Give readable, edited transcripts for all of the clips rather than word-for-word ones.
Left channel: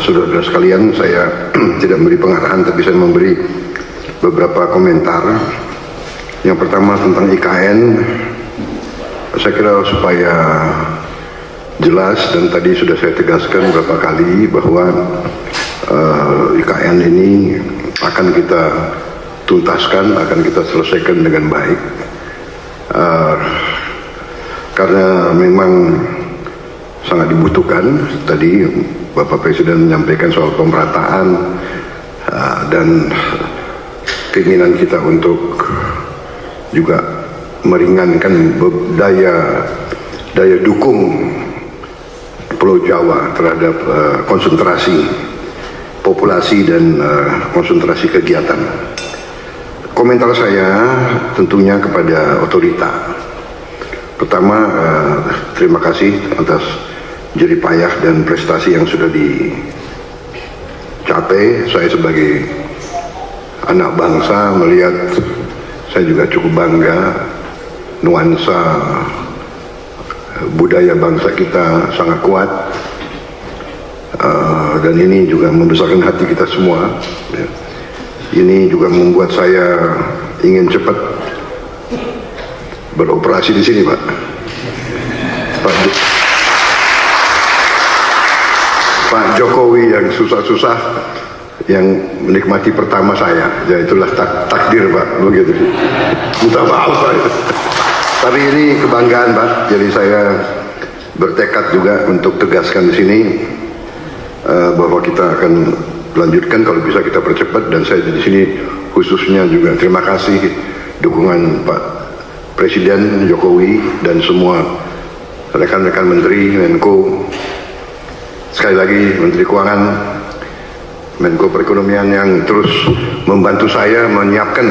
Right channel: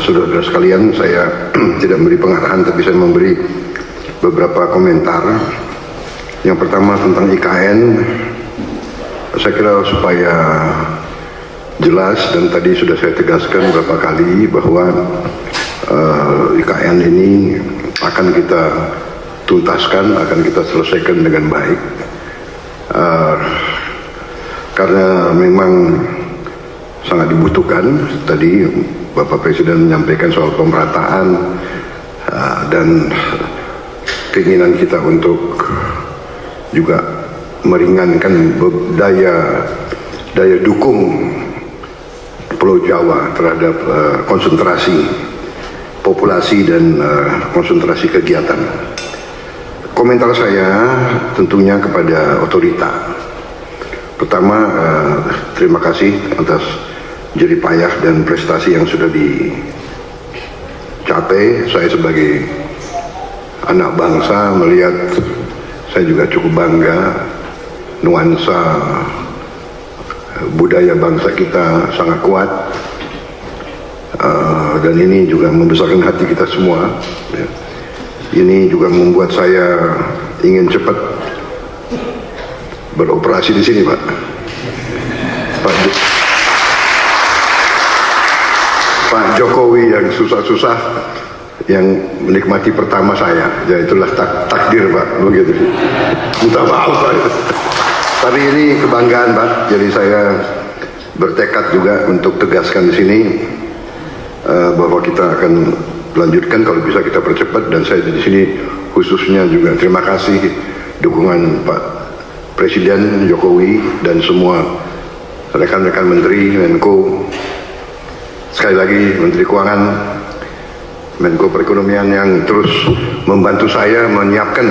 saudara-saudara sekalian, saya tidak memberi pengarahan, tapi saya memberi beberapa komentar. Yang pertama tentang IKN, saya kira supaya jelas, dan tadi sudah saya tegaskan beberapa kali bahwa IKN ini akan kita tuntaskan, akan kita selesaikan dengan baik, karena memang sangat dibutuhkan. Tadi Bapak Presiden menyampaikan soal pemerataan dan keinginan kita untuk juga meringankan daya dukung Pulau Jawa terhadap konsentrasi populasi dan konsentrasi kegiatan. Komentar saya tentunya kepada otorita. Pertama, terima kasih atas jerih payah dan prestasi yang sudah dicapai. Saya sebagai anak bangsa melihat, saya juga cukup bangga nuansa budaya bangsa kita sangat kuat, dan ini juga membesarkan hati kita semua. Ini juga membuat saya ingin cepat beroperasi di sini, Pak. Pak Jokowi yang susah-susah, yang menikmati pertama saya, ya itulah takdir, Pak, begitu. Minta maaf saya. Tapi ini kebanggaan, Pak. Jadi saya bertekad juga untuk tegaskan di sini bahwa kita akan lanjutkan, kalau bisa kita percepat. Dan saya di sini khususnya juga terima kasih dukungan Pak Presiden Jokowi dan semua rekan-rekan Menteri, Menko, sekali lagi Menteri Keuangan, Menko Perekonomian yang terus membantu saya menyiapkan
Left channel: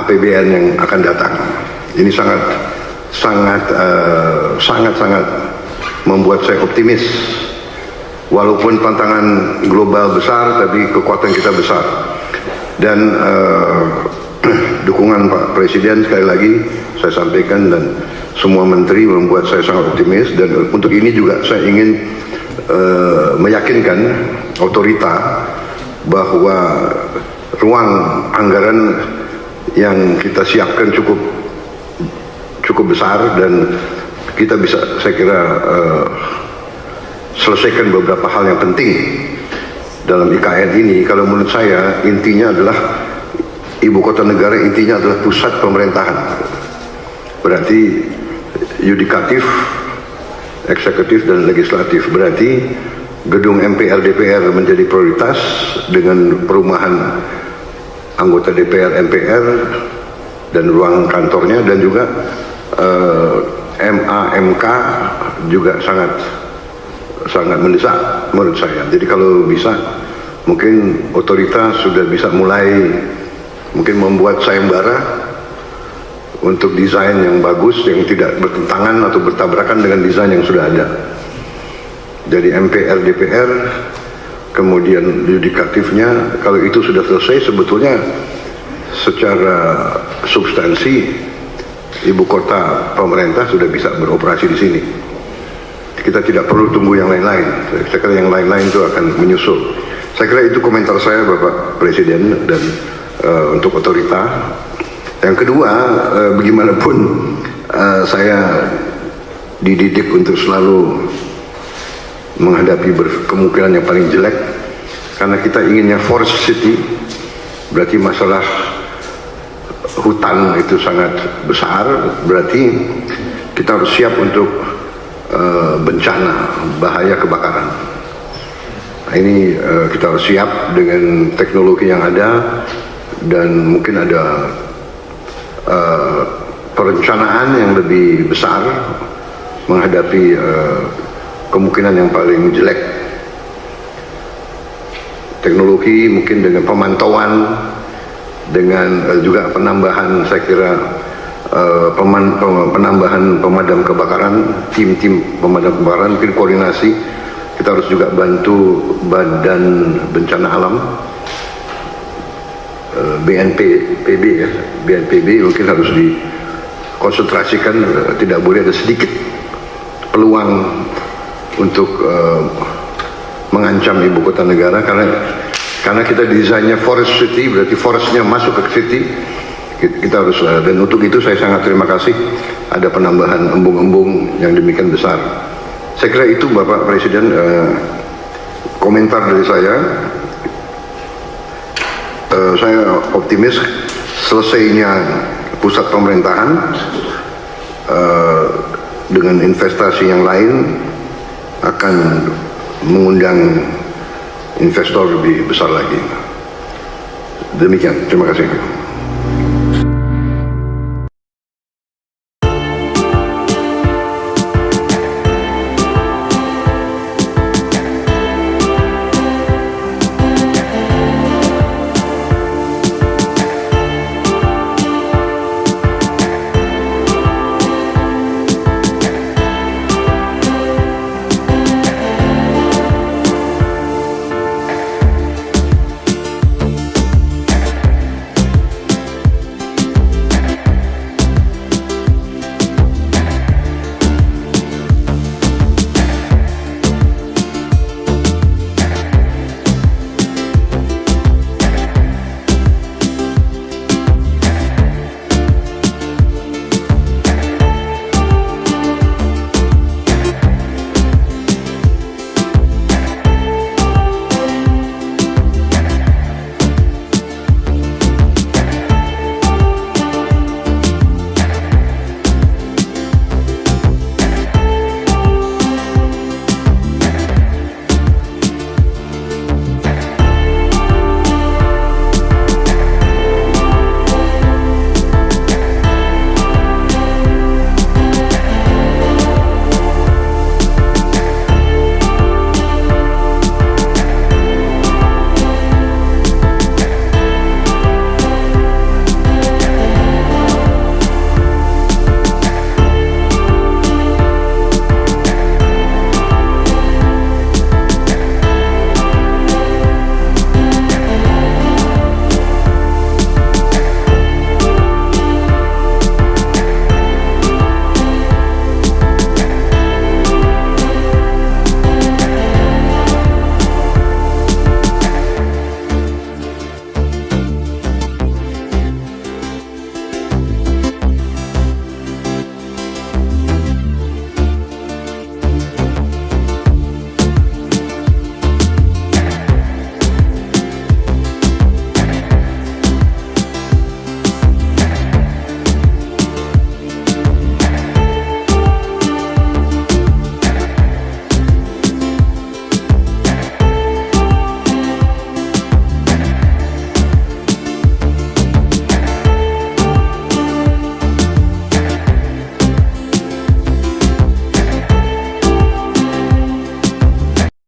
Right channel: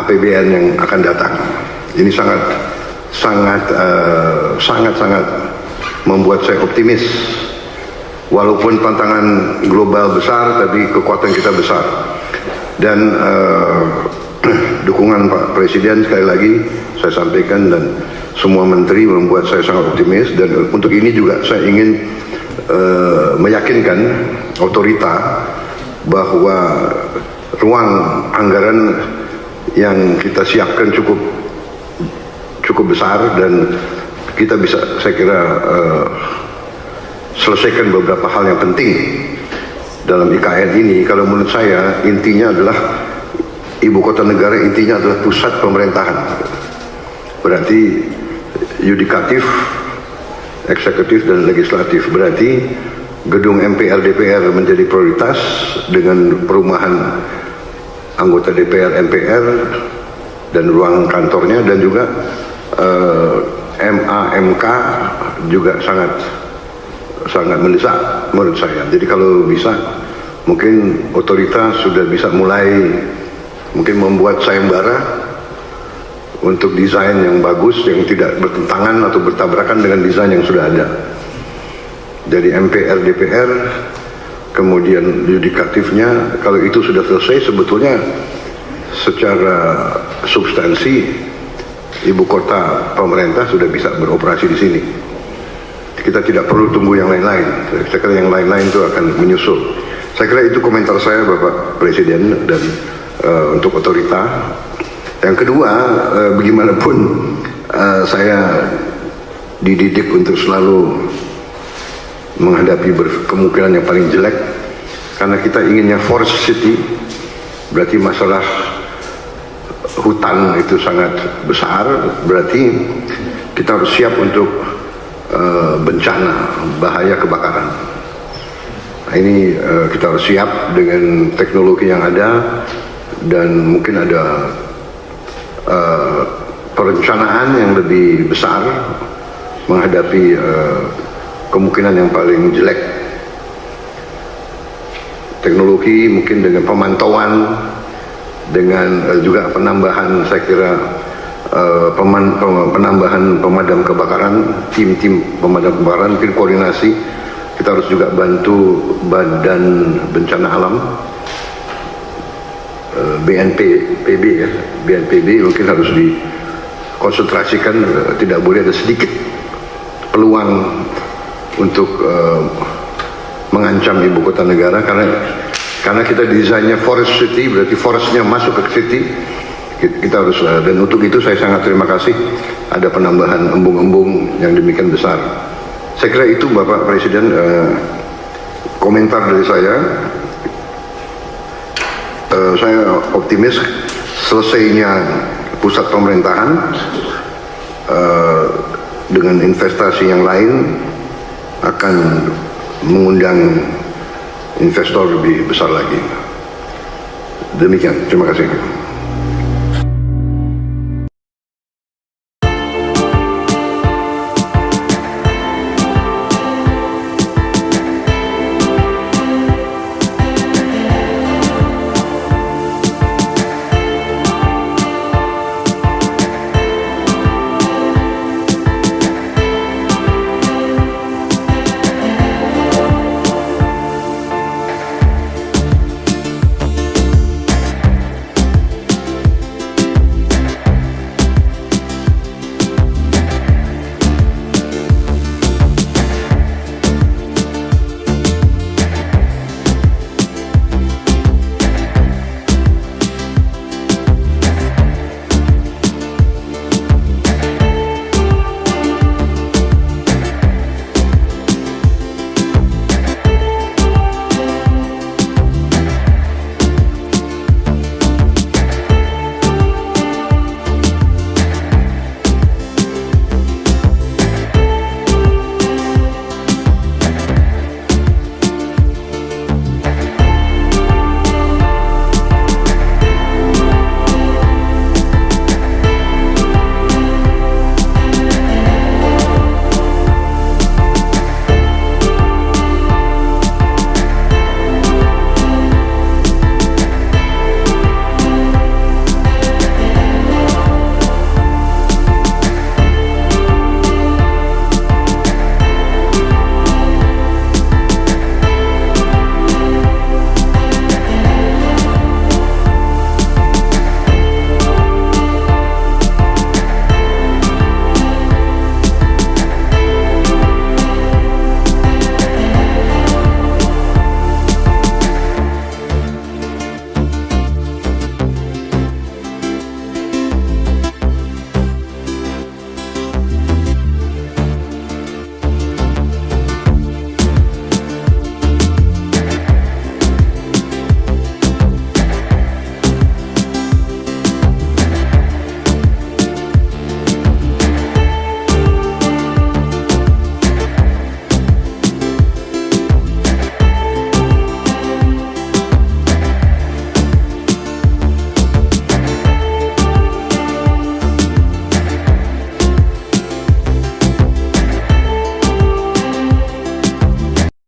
APBN yang akan datang. Ini sangat membuat saya optimis. Walaupun tantangan global besar, tapi kekuatan kita besar. Dan dukungan Pak Presiden sekali lagi saya sampaikan, dan semua menteri membuat saya sangat optimis. Dan untuk ini juga saya ingin meyakinkan otorita bahwa ruang anggaran yang kita siapkan cukup besar, dan kita bisa, saya kira, selesaikan beberapa hal yang penting dalam IKN ini. Kalau menurut saya intinya adalah ibu kota negara, intinya adalah pusat pemerintahan. Berarti yudikatif, eksekutif, dan legislatif. Berarti gedung MPR DPR menjadi prioritas dengan perumahan anggota DPR MPR dan ruang kantornya, dan juga MA/MK juga sangat mendesak menurut saya. Jadi kalau bisa, mungkin otoritas sudah bisa mulai mungkin membuat sayembara untuk desain yang bagus, yang tidak bertentangan atau bertabrakan dengan desain yang sudah ada. Jadi MPR DPR, kemudian yudikatifnya, kalau itu sudah selesai, sebetulnya secara substansi ibu kota pemerintah sudah bisa beroperasi di sini. Kita tidak perlu tunggu yang lain-lain. Saya kira yang lain-lain itu akan menyusul. Saya kira itu komentar saya, Bapak Presiden, dan untuk otorita. Yang kedua, bagaimanapun saya dididik untuk selalu menghadapi kemungkinan yang paling jelek, karena kita inginnya forest city. Berarti masalah hutan itu sangat besar, berarti kita harus siap untuk bencana, bahaya kebakaran. Nah, ini kita harus siap dengan teknologi yang ada, dan mungkin ada perencanaan yang lebih besar menghadapi kemungkinan yang paling jelek. Teknologi mungkin dengan pemantauan, dengan juga penambahan, saya kira penambahan pemadam kebakaran, tim-tim pemadam kebakaran, mungkin koordinasi. Kita harus juga bantu Badan Bencana Alam, BNPB ya, BNPB mungkin harus dikonsentrasikan. Tidak boleh ada sedikit peluang untuk mengancam ibu kota negara, karena kita desainnya forest city, berarti forestnya masuk ke city. Kita harus, dan untuk itu saya sangat terima kasih ada penambahan embung-embung yang demikian besar. Saya kira itu Bapak Presiden komentar dari saya. Saya optimis selesainya pusat pemerintahan dengan investasi yang lain akan mengundang investor lebih besar lagi. Demikian, terima kasih.